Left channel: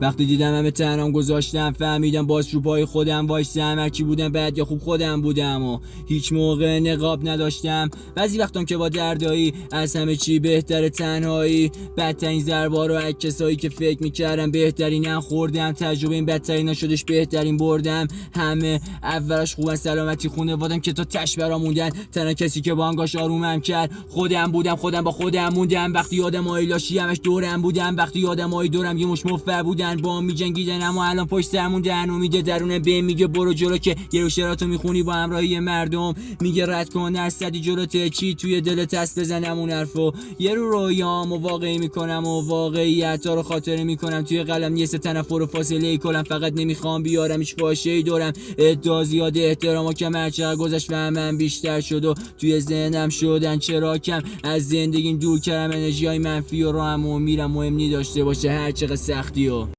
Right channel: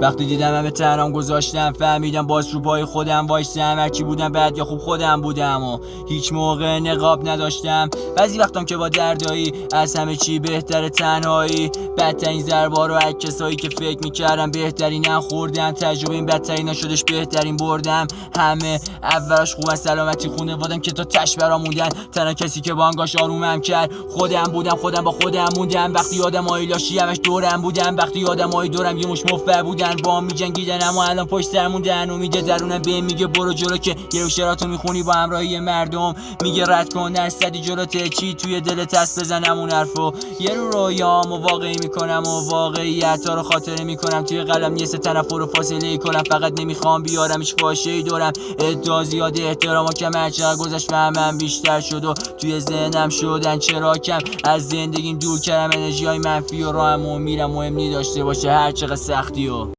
وقتی دیدم همه تنهام گذاشتم فهمیدم باز رو پای خودم وایسم. هرچی بودم بد یا خوب خودم بودم و هیچ موقع نقاب نداشتم. بعضی وقتام که با دردایی از همه چی بهتره تنهایی. بدترین ضربا رو از کسایی که فکر میکردم بهترینم خوردم. تجربه این بدترین نشدش بهترین بردم. همه اولش خوبن سلامتی خونه وادم که تا تش برا موندن. تنها کسی که بانگاش آرومم کرد خودم بودم. خودم با خودم موندم. وقتی آدمای لاشی همش دورم بودم. وقتی آدمای دورم یه مش مفر بودن با می جنگیدن اما الان پشت سر موندن. امید درونم به میگه برو جلو که یه روشراتو میخونی با همراهی مردم. میگه رد کن درصدی جلوته چی توی دلت هست بزنم اون حرفو. یه رو رویامو واقعی میکنم و واقعیت‌ها رو خاطره میکنم. توی قلم نیست تنفر و فاصله کلم. فقط نمیخوام بیارم هیچ فاشه‌ای دورم. ادعا زیاده احترام و کم هرچقدر گذشت فهمم بیشتر شد و توی ذهنم شدن چرا کم. از زندگیم دور کردم انرژی‌های منفی و راهمو میرم مهم نی داشته باشه هر چقدر سختی و